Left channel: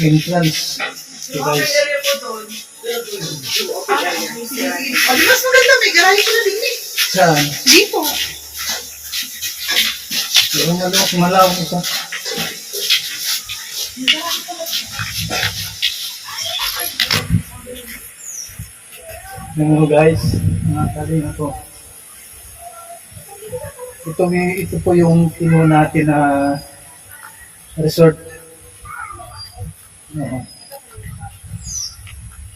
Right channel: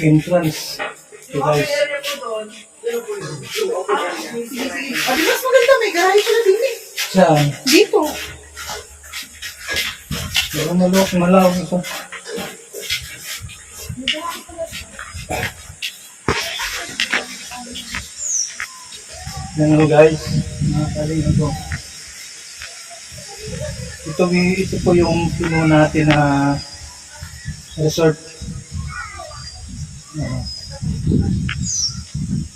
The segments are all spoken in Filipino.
entrance. So guys, Di mas maganda, may garahe pala din eh. saan? Dito. Pero malawak ito. Ganun guys, mga taling ito. Ito po yung pinuno natin na resort. Oo.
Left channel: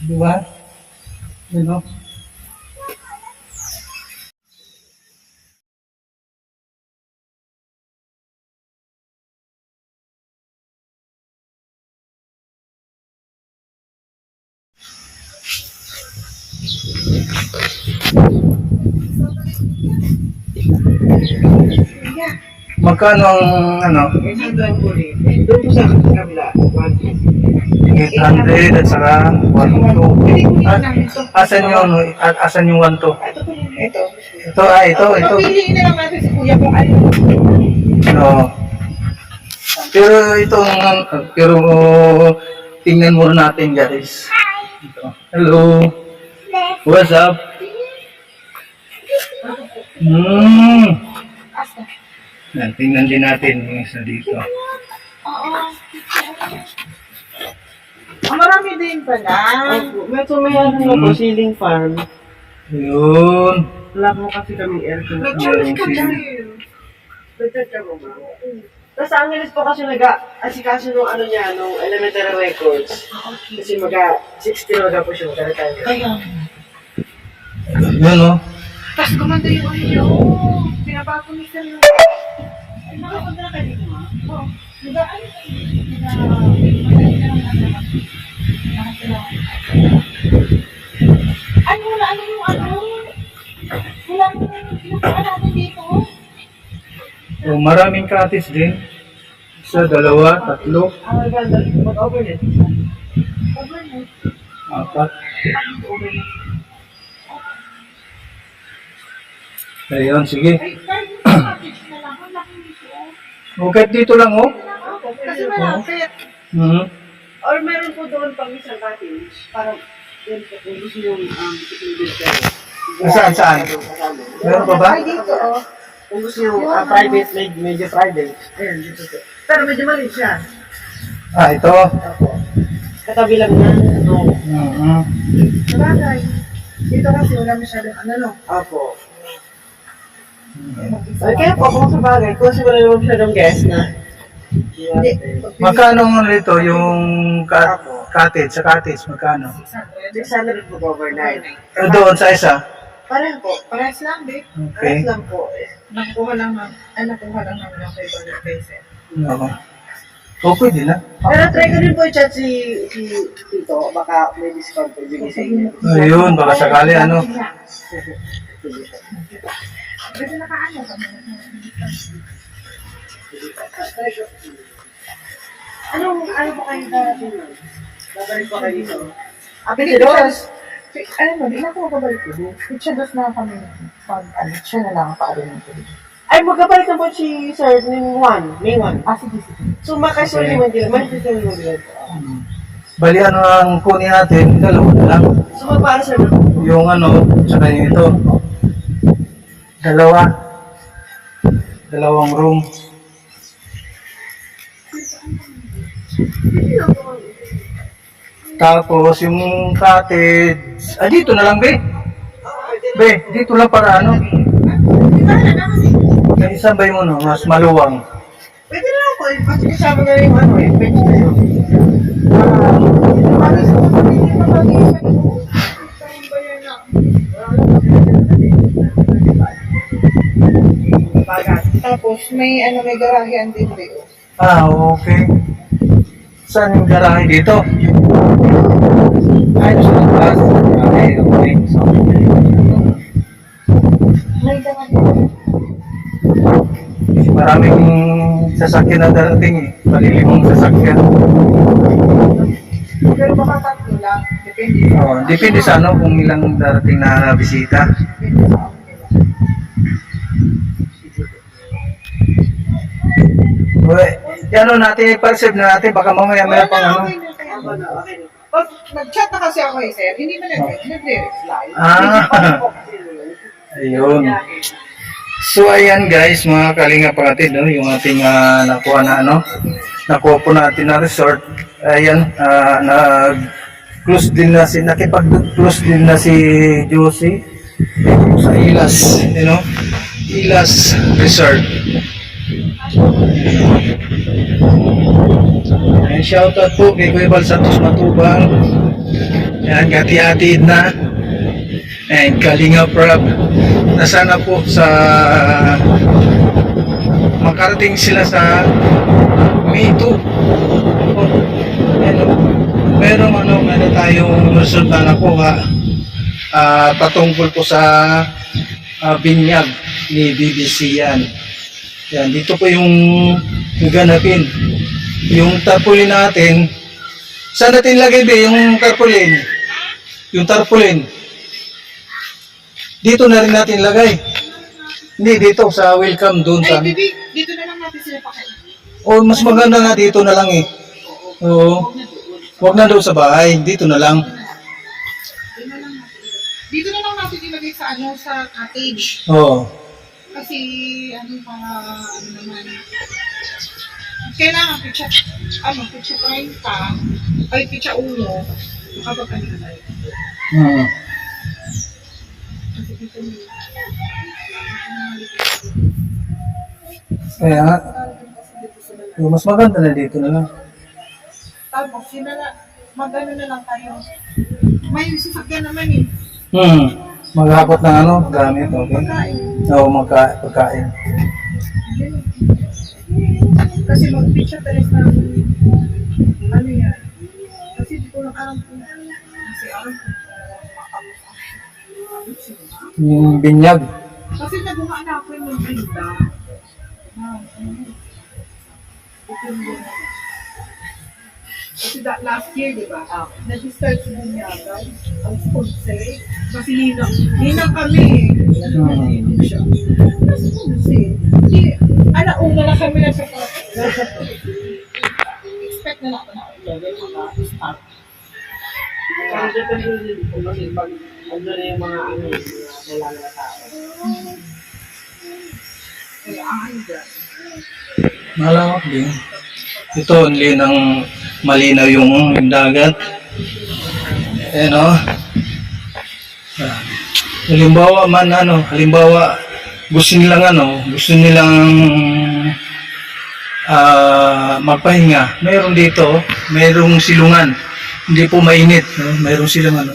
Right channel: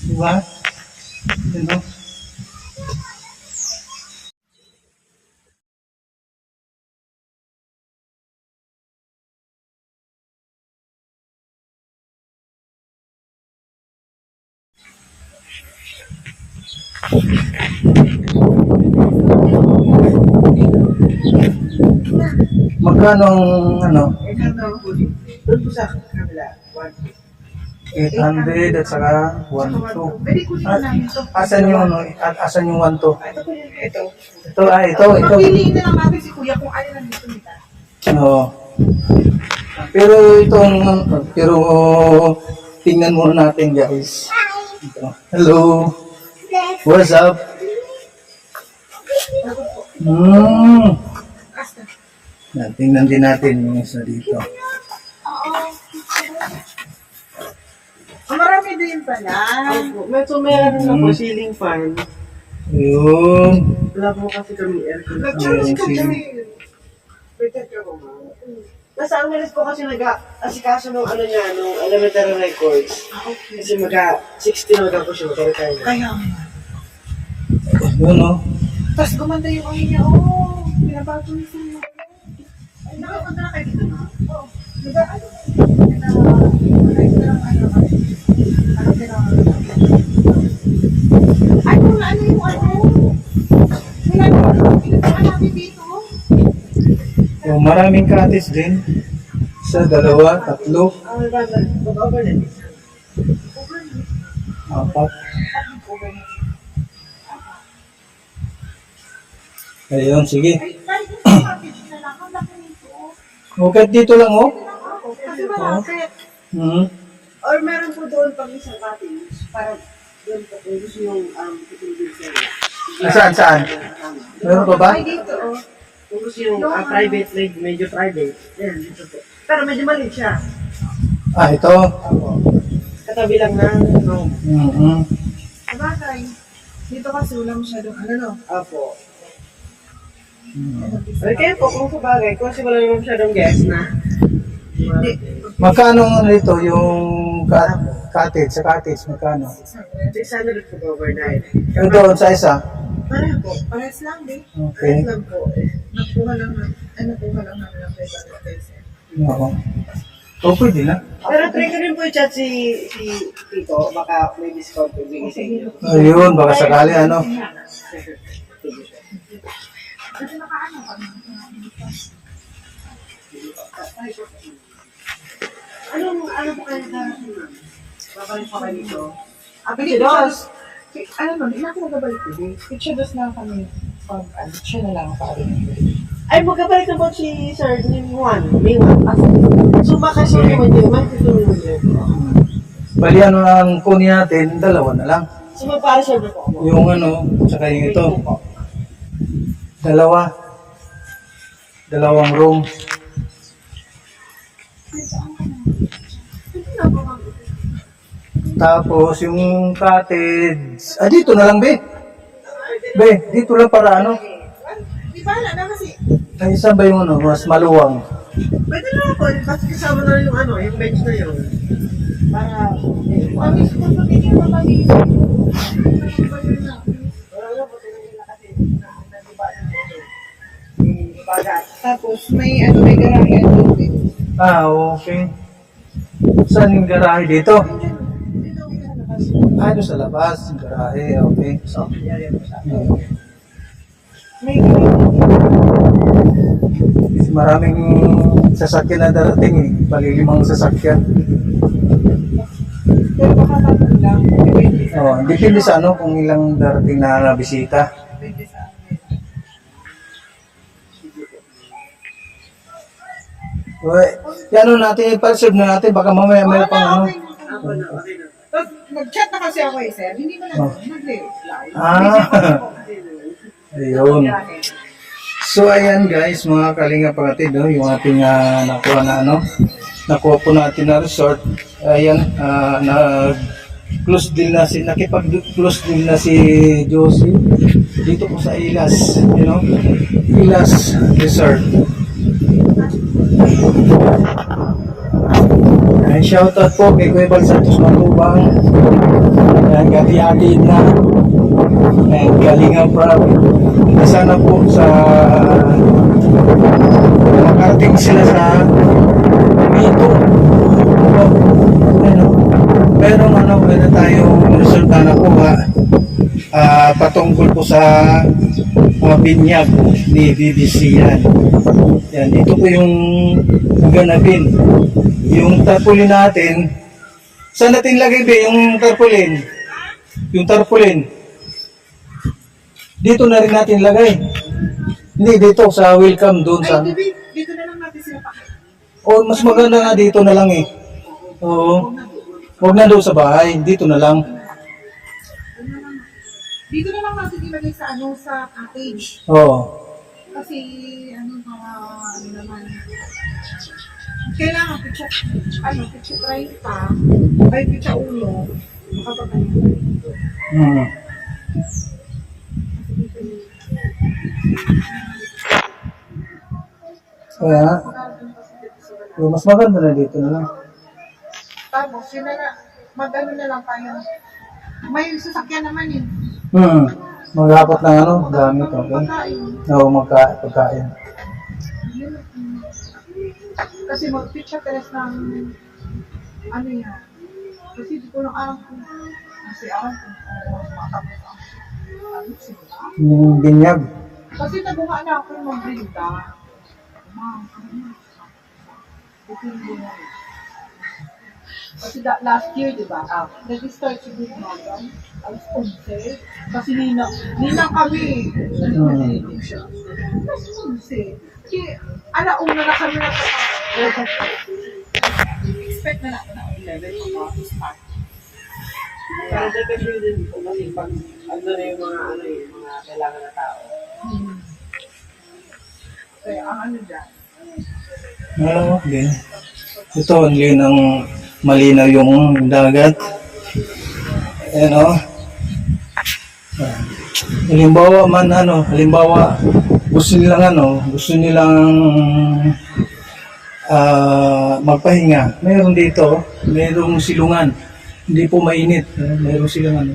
Diba? Ano? Magkano ang ano? 800 po din. Doon po sa kabila, 800 at saka 1-2. Pwede po din namin ito. Asan yung ano? Asan yung 1-2? Ito po yun. Ito. Ito. Papiliin na lang natin si Kuya kung ano. No. Pero tingnan muna natin guys. Ito. Hello. What's up? Tingnan din natin yung isa dito. Marami din pala. May ano na po, ceiling farm. Ayun. Wala po kasi kami aircon. Nag-choose ka dyan. Nasa Angeles po kasi nag-asikaso nung ano niya, nung elementary records. Okay. Kasi 16 po siya magka-retire. Kaya. Yun o. Tapos gumanda yung ano niya. Oo. Pinabago ni Sir yung... Nakapunta na kayo dito, ma? Oo. Nag-ano ay, wala ano yung ano? Wala pinupuan natin dito. Oh, maraming cottage din. Isa, dalawa, tatlo, Ang ganda, mag-overnight. Overnight. apat. Overnight. Ayun, sige. Ay, kahit yung package na lang, ang laki nito. Okay, dito lang oh. Kasi wala, kaya Or meron po doon pang isang cottage. Para doon po kung gusto yung building siya. Saan? Meron pa ba? ay dito, oh. Kung gusto yung private, medyo private. Ayun, dito po. Pero medyo maliit siya. Ah, ito. Katabi lang na. No. Sabagay. Dito kasi wala masyadong ano, no? Opo. Okay po, kung sa bagay, kung kasi wala naman masyadong guest na. Hindi. Magkano nito yung cottage? Sa cottage, magkano? 600 po overnight. Doon sa isa? Pareho po. Parehas lang, babe. Okay. Parehas lang po. Nakuha lang namin ng 500 pesos. Oo. O, pwede na. Pero try ko rin po i-chat si Tito. Baka may discount po bigay sa inyo. Ayun, baka sakali ano. Kasi nakaano kami. Ano po kayo darating nun? Babalik po kayo dito. Pwede dos. Ano, di na ako magabalik ulit. Picture dos na kami. Pag ano, siya na lang pa rin. Ay, magkabalik na po si Sir Ning Juan. May Juan. So, makasulit mo din. Makasulit mo din. Bali, ano ang kunin natin? Dalawa na lang. So, magpara siya na po. Yung ano, tsaka yung ito. Dalawang room. Tapos yung cottage, dito na lang be. Be, dito lang para ano. Di ba na kasi? May isa ba yung ano, mas maluwang. Pwede na po. Kasi kasama na yung ano, yung bench na yun. Mami, so, hindi mo mag-iisip. Tapos may ano, may garahe at dito. Okay. Saan yung garahe dito? Ayos na labas. Okay. So, May garahe. maraming sasakyan na darating eh. Palilimang sasakyan. Pero baka tatlo lang. Depende sa Depende sa ano kung ilang darating na bisita. depende sa akin. Uy, Yan ano natin, i-preserve na natin. Baka mamaya may Wala pang na, ano. okay na. Ako na, okay na. Pag nag-chat na kasi ako sir, hindi man nagre-reply. Ah, ayun. So ayan guys, mga kalinga pangatid, no, yung ating nakuha na ano, nakuha po natin na resort. Ayan, nag-close din na si, nakipag-close din na si Josie dito po sa Ilas, you know, Ilas Resort. Ayan, shoutout po kay Kuya Bal Santos Matubang. Ayan, kati-atid na. And Kalinga Prab, na sana po sa makarating sila sa May 2. Pero ano, meron tayong resulta na po patungkol po sa binyag ni BBC yan. Yan, dito po yung ganapin. Yung tarpaulin natin, saan natin lagay ba yung tarpaulin? Yung tarpaulin. Dito na rin natin lagay. Hindi, dito sa welcome doon sa... Ay, baby, dito na lang natin sila pakain. Oh, mas maganda nga dito na lang eh. Oo. Huwag na doon sa bahay, dito na lang. Dito na lang natin ilagay sa ano, sa cottage. Oo. Kasi, ano, para, ano naman, kailangan pitsa 30, ay pitsa 1, kapag ano na. Hmm. Kasi dito Kaya nga, mas maganda na dito na lang. tapos, sila na, mag-ano na lang tayo. May sasakyan naman eh. Maghapot ng ano, gamit, okay? Pagkain. Oo, pagkain. Kasi mag-pitcha test ng, ano yan. Kasi di ko lang alam kung, kasi alam kung, matapos ang, ano sila. Yung binyag. Kasi nagawa na ako yung brinda. Ma'am, ano yun? Ito yung kasi last year, di ba? Nag-start sa bunyagan, ang sponsor. Kasi ninang kami. Ninang siya. Kasi sponsor. Hindi, una na kami expect na ako na 11 maka-start. Kaya depende din kung kasi pag ano na yung mga ano yung mga kailangan na tao. Kaya ang ano dyan. Malawak din. Ito, only ng malinaw yung dagat. Ayan o. Halimbawa, gusto nilang magpahinga. Mayroon dito, mayroong silungan. Hindi po mainit, no? Mayroong silang ano.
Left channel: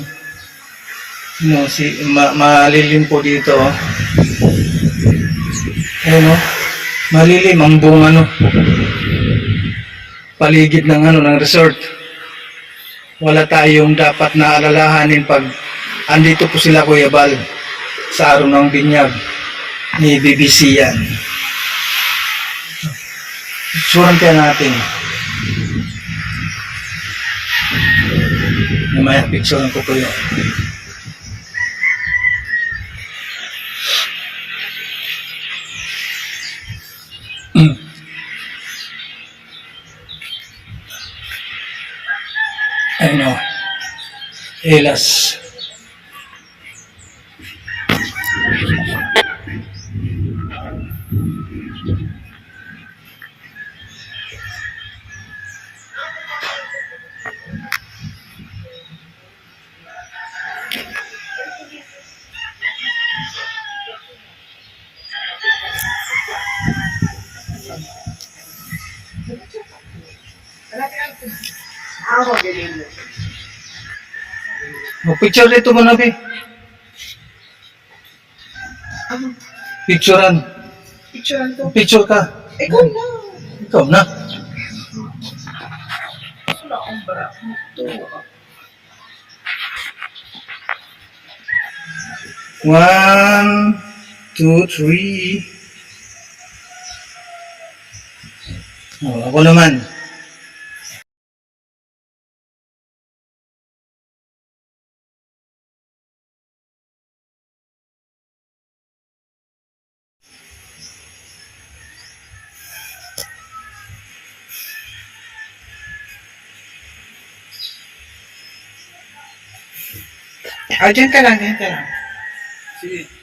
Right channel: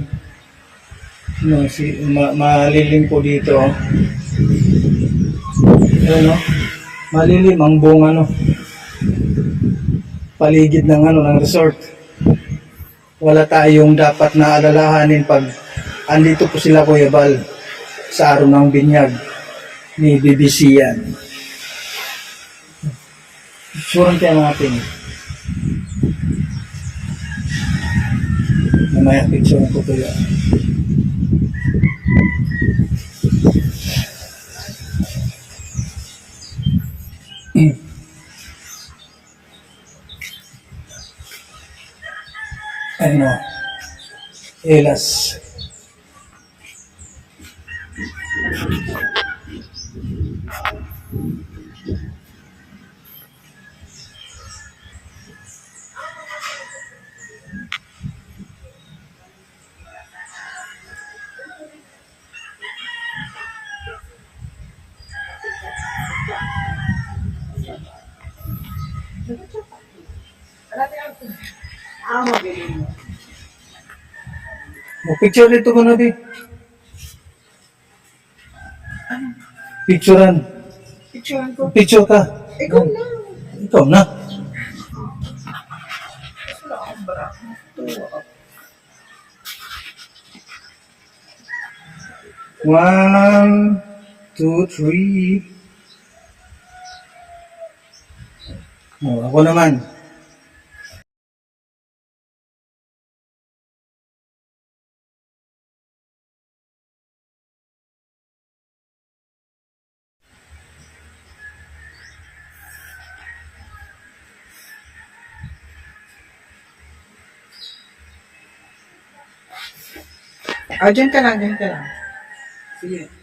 Malilim po dito. Ayan o. Malilim ang buong ano, paligid ng resort. Wala tayong dapat na alalahanin pag andito po sila Kuya Bal sa araw ng binyag ni BBC yan. Suran kaya natin. Namaya picture ko Kuya. Ano, Elas. Magaling na. Picture dito mo na, Bi. Picturean. Picturean ko. Picture ka. Ikaw na. Ikaw na. Wala akong bra. Ito. 1, 2, 3. Oh, ako naman. O, dyan ka lang, dyan ka lang. Sige.